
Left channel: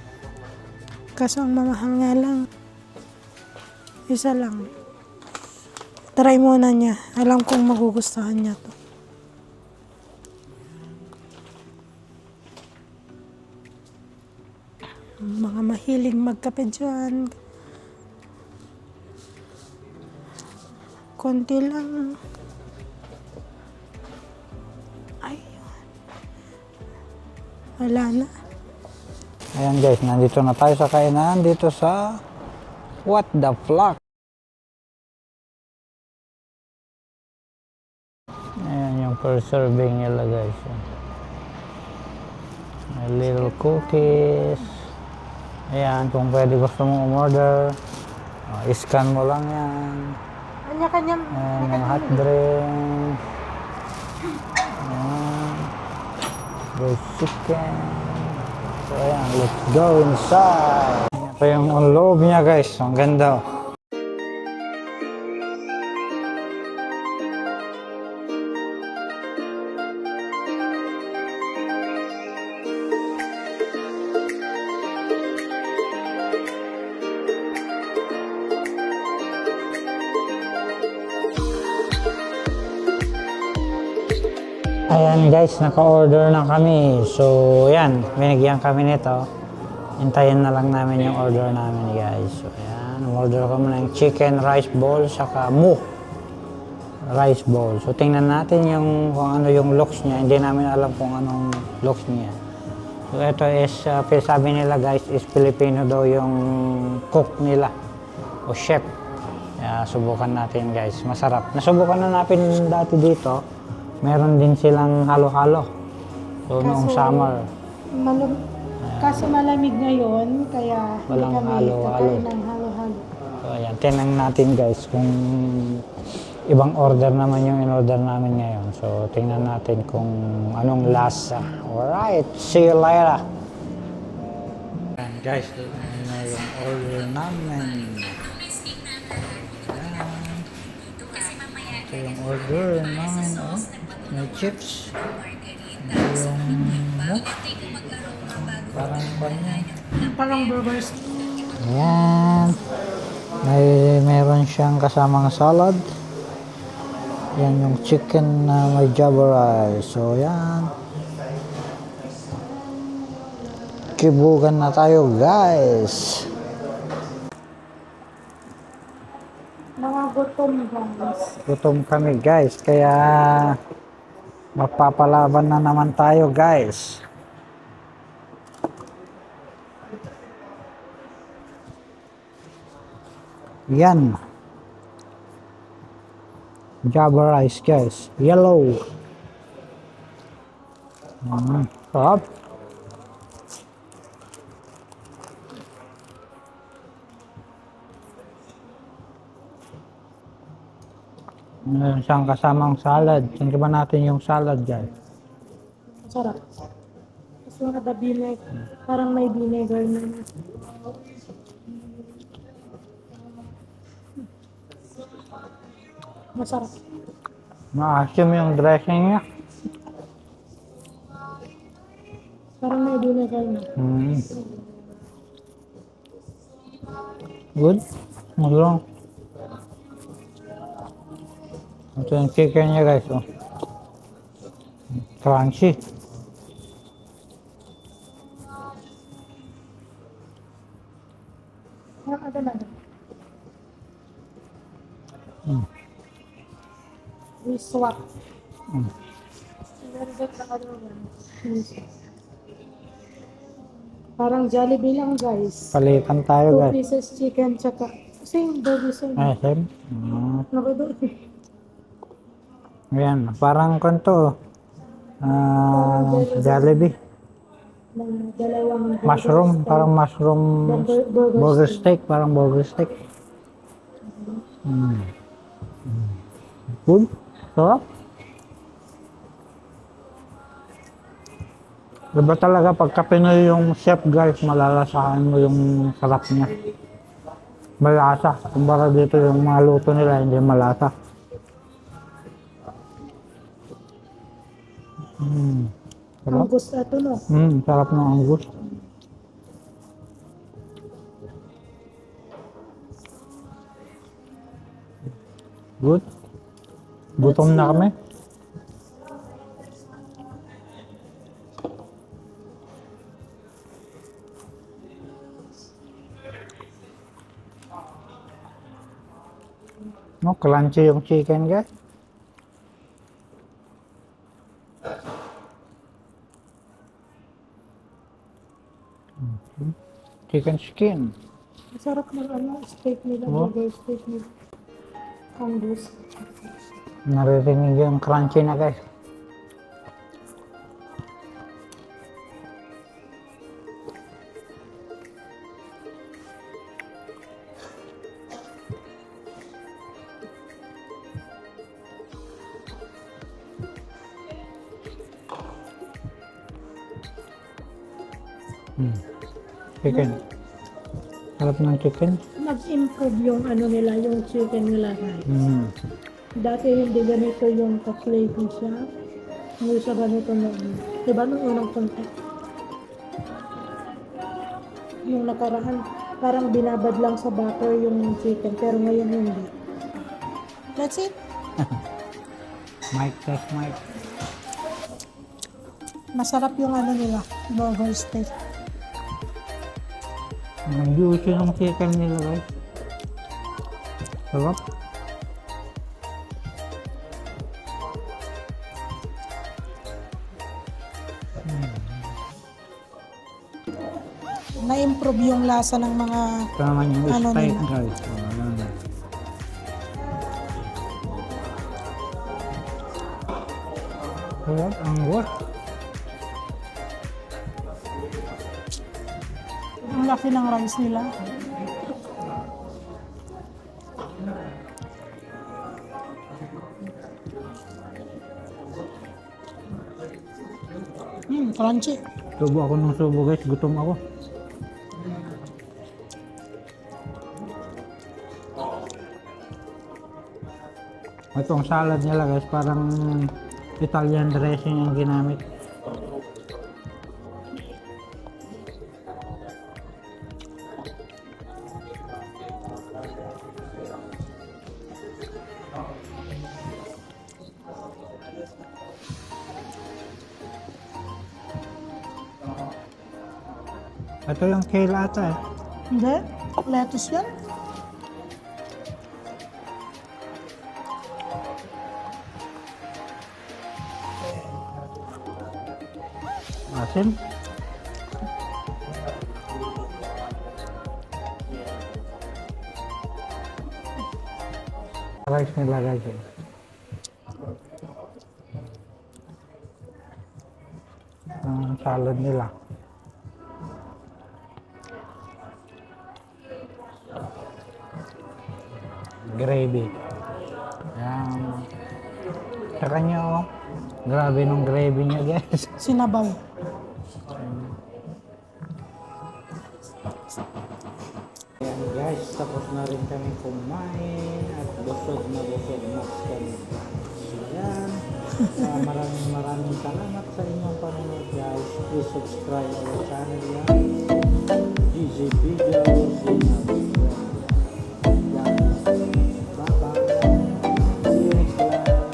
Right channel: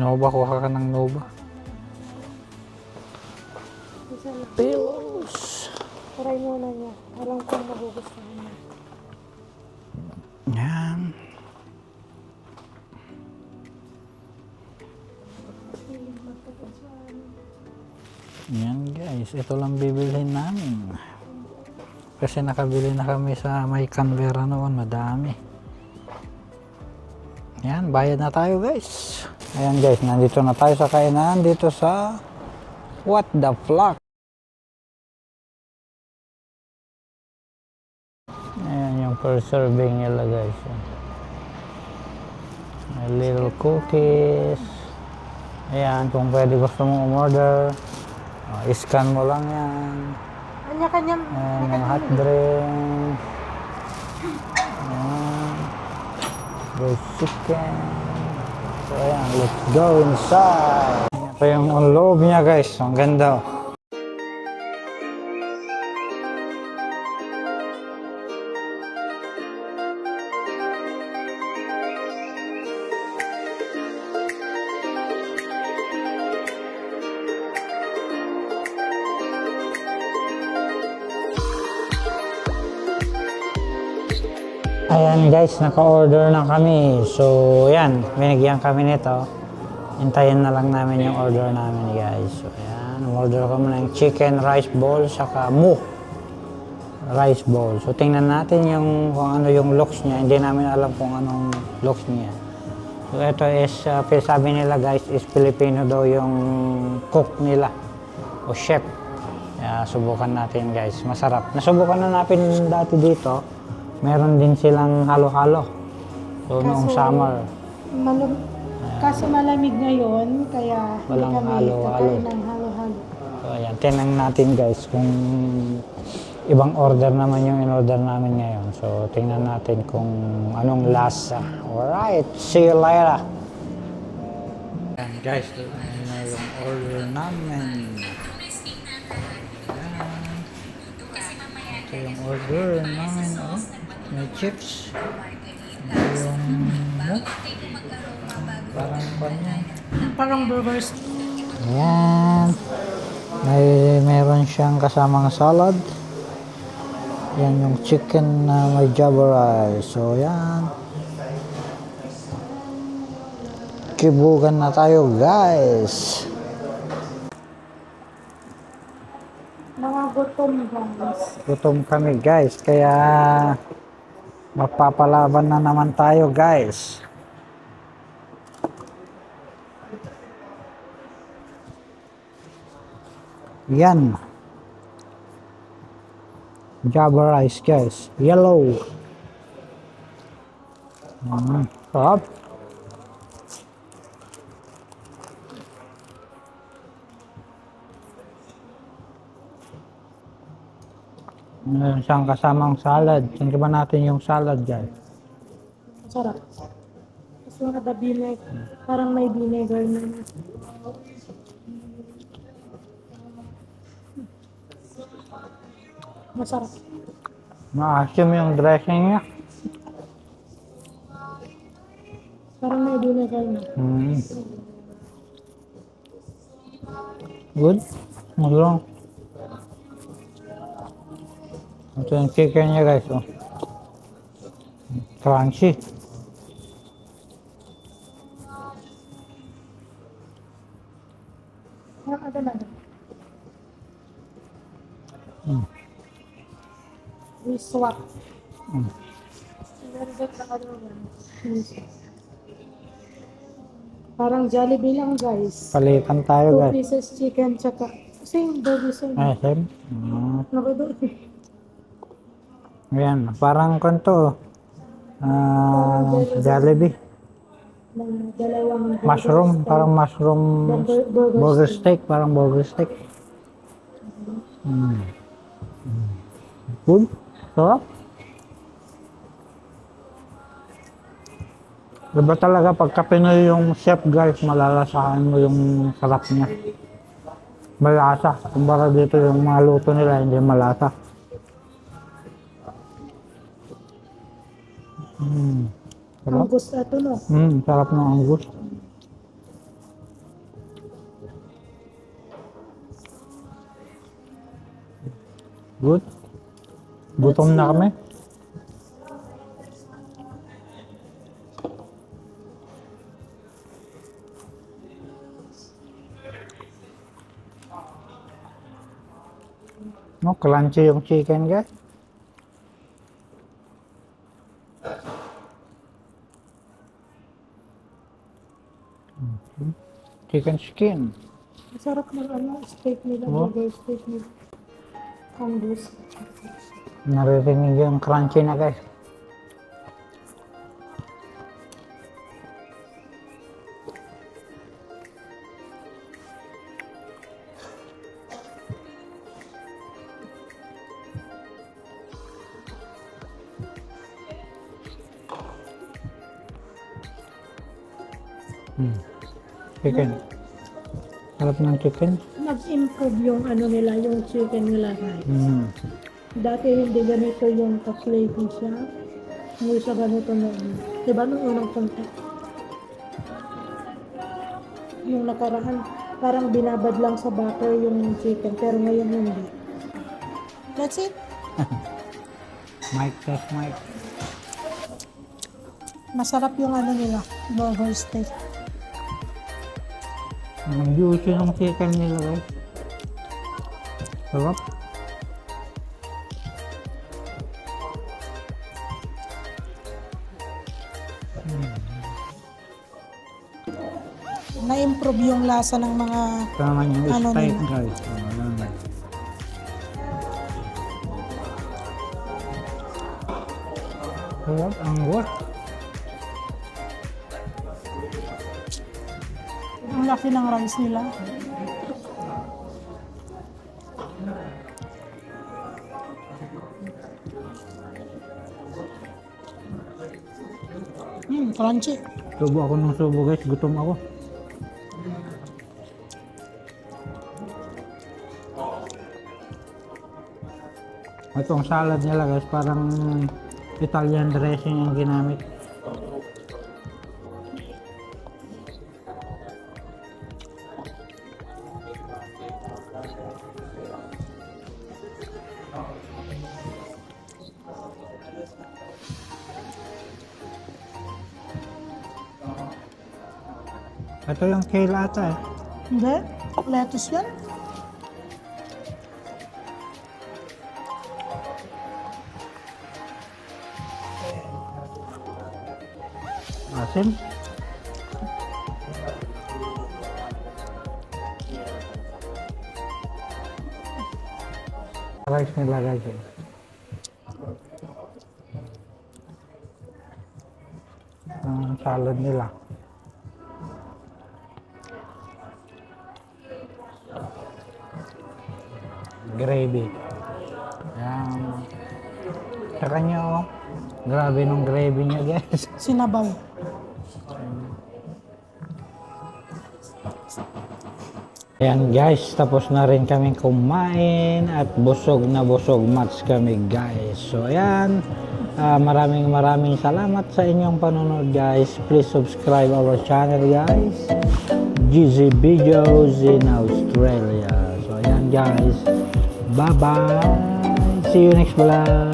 Nova, kuha ka ng Nova. Kaso ang mamahal nga lang. Isa lang. Try muna niya. Alam kong magugustuhan niya to. Yan. Mga mahilig magkape dyan. Yan guys, ito lang bibilhin namin. Konti lang. Kasi nakabili na kami sa may Canberra noon, madami. Yan, bayad na tayo guys. Ayan guys, nandito na tayo sa kainan dito sa What the Flock. Ayan yung per serving nila guys. May little cookies. Ayan, kung pwede gusto mong umorder, scan mo lang yan. Kanya-kanyang. Ayan, yung hot drink. Ayan. There's chicken. So, ayan, let's go inside. Ito yung loob niya guys. Ang ganda. Ayan guys, naka-order na kami. So, ayan, binigyan kami nito. Hintayin na lang namin yung order namin guys. So, ayan, order kami ng chicken rice bowl saka mu rice bowl. So, tingnan natin yung kung ano yung looks niya. Hindi namin alam kung anong looks niya. So, ito is, sabi nila guys, is Filipino daw yung cook nila o chef. Kaya, subukan natin guys. Masarap. Nasubukan na natin dati dito. Meron din silang halo-halo. So, noong summer. Kaso malamig ngayon, kaya Walang hindi kami halo-halo. kakain ng halo-halo. So, ayan. Tingnan natin guys kung ibang order naman yung in-order namin ngayon. So, tingnan natin kung anong lasa. Alright. See you later. Ayan guys. Ito na yung order namin. Ayan. Ito yung order namin. Oh. May chips. Ito yung parang kanya. Parang burgers. Ayan. Meron siyang kasamang salad. Yan yung chicken na may java rice. So, yan. Magkibugan na tayo guys. Mga gutom guys. Gutom kami guys, kaya mapapalaban na naman tayo guys. Yan. Java rice guys. Yellow. Sarap. Meron siyang kasamang salad. Tingnan ba natin yung salad guys? Sarap. Kasi ada vinegar. Parang may vinegar na. Masarap. Maasim yung dressing niya. Parang may vinegar na. Good. Malong. Ito yung chicken niya guys. Oh. Crunchy. Ada na. We swap. Parang Jollibee lang guys. Palitan tayo 2 guys. pieces chicken tsaka same burger same. Same. Nakado. Ayan, parang kanto. Jollibee. Dalawang Mushroom, parang mushroom burger steak, parang burger steak. Good. Sarap. Diba talaga pagka Pinoy yung chef guys, malalasahan mo yung sarap niya. Malasa. Kumpara dito yung mga luto nila, hindi malasa. Sarap. Angus ato no. Sarap ng angus. Good. Gutom na kami. No, crunchy yung chicken guys. Chicken skin. Masarap ng steak nila, burger steak nila. Angus. Naririnig yung crunchy na guys. Chicken. Sarap ng chicken. Nag-improve yung nila, yung chicken nila guys. Dati hindi ganito yung ka-flavy siya. Hindi siya ganito noon. Diba nung unang punta? Yung nakaraan, parang binabad lang sa butter yung chicken, pero ngayon hindi. That's it. Mic test mic. Masarap yung nila, burger steak. Ang juicy ng chicken nila guys. Sarap. Na-improve yung lasa ng mga Ito naman yung steak nila. guys. Ayan. Sarap, angus. Ang laki ng rice nila. Crunchy. Subo ako ng subo guys, gutom ako. Itong salad nila guys, parang Italian dressing ang ginamit. Ito yung kale ata eh. Hindi? Lettuce yan? Asim. Rice nilagay ko. Ang salad nila. Gravy. Ayan. Sa kanya oh. Grabe nung gravy niya guys. Sinabaw. Ayan guys, tapos na rin kami kumain at busog na busog match kami guys. So ayan, maraming salamat sa inyong panonood guys. Please subscribe our channel guys. GZ Videos in Australia. So ayan guys, bye bye. See you next vlog.